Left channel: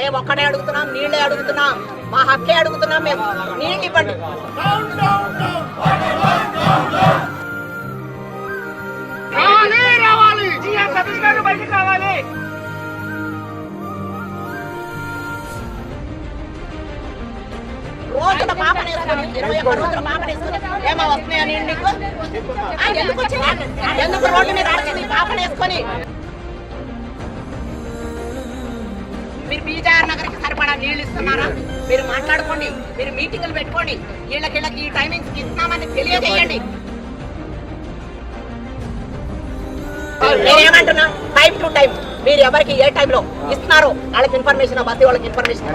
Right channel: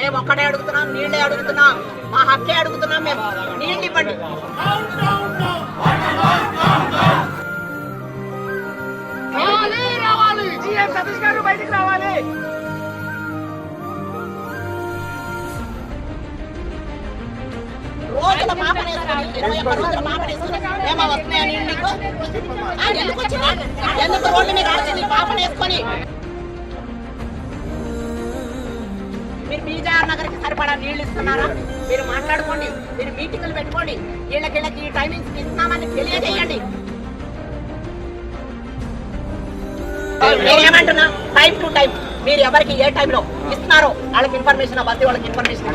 మేము ఒక్కడే అడుగుతున్నాం, నీళ్ళే అడుగుతున్నాం, మా హక్కే అడుగుతున్నాం. మేము నీళ్ళు ఇవ్వండి. రోజుల పాపనేసుకొని 21 రోజుల పాపనేసుకొని ఏమో వస్తున్నాయా నీళ్ళు నీకు? ఎందుకు వచ్చిందా? ఎందుకు రోడ్డు మీద వచ్చింది పాపనేసుకొని? మీరు బీజార్ నగర్కి సరిపడా నీళ్ళు ఇస్తున్నారా? మీరు మాట్లాడుకోండి, మీరు మీటింగులు పెట్టుకోండి, వీళ్ళకి ఈ టైమింగ్స్ ఇస్తున్నామని తెలియజేయండి. నేనేమంటున్నా, టైం టు టైం మీరు ఎవరికి ఏ టైంలో ఇస్తున్నారో వాళ్ళకి ఇన్ఫర్మేషన్, బస్తీ వాళ్ళకి ఇన్ఫర్మేషన్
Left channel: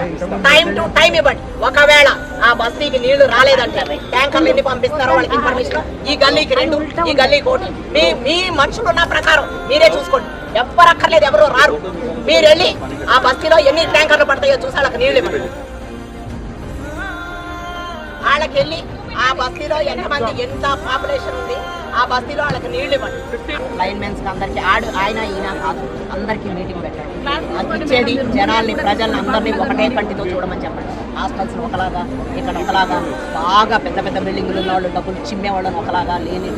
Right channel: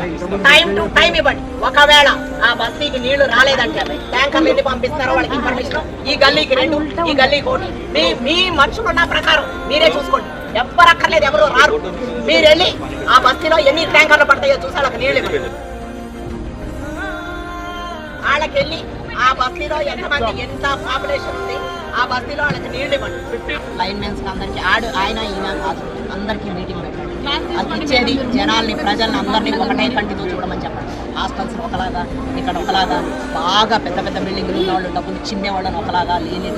టైం టు టైం ఇవ్వండి. ఒకవేళ ఆ బస్తీకి నీళ్లు రాలేదంటే ట్యాంకర్లు ఎన్ని పంపిస్తారో వాళ్ళకి ఇన్ఫర్మేషన్, ఈ గల్లీకి 2, ఈ గల్లీకి 1, మీ మనుషులు ఉన్న ప్రకారం మీరే చూసుకోండి. ఎవ్వరు అక్కర్లేదు, ఎవరు రారు. మీరు వెళ్ళి ఆ బస్తీలో ఎన్ని ట్యాంకర్లు పడతాయో చూసి వాళ్ళకి నీళ్ళు ఇవ్వండి. వాళ్ళకి వెళ్ళి ఆ బస్తీలో ఎంతమంది, ఎంత పాపులేషన్ ఉంది, ఆ బస్తీలో వాళ్ళకి నీళ్ళు ఇవ్వండి. లైన్ మెన్స్ అందరికి ఆయన ఈయన కాదు, అందరికీ మీటింగ్ పెట్టండి. అది ఇచ్చేది జనాల్ని, ప్రజల్ని అందరినీ ఒకటే కంటితో చూడమని చెప్పండి. హాస్టల్స్ ఒకలాగా, ఇక్కడ ఒకలాగా, బాగా పెద్ద పెద్ద బిల్డింగ్లు ఉన్న వాళ్ళు, డబ్బులు చిమ్మే వాళ్ళని ఒకలాగా, లేని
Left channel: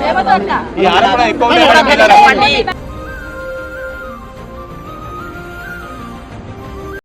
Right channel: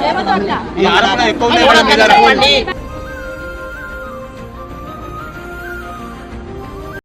పేదవాళ్ళని ఒకలాగా చెప్పండి.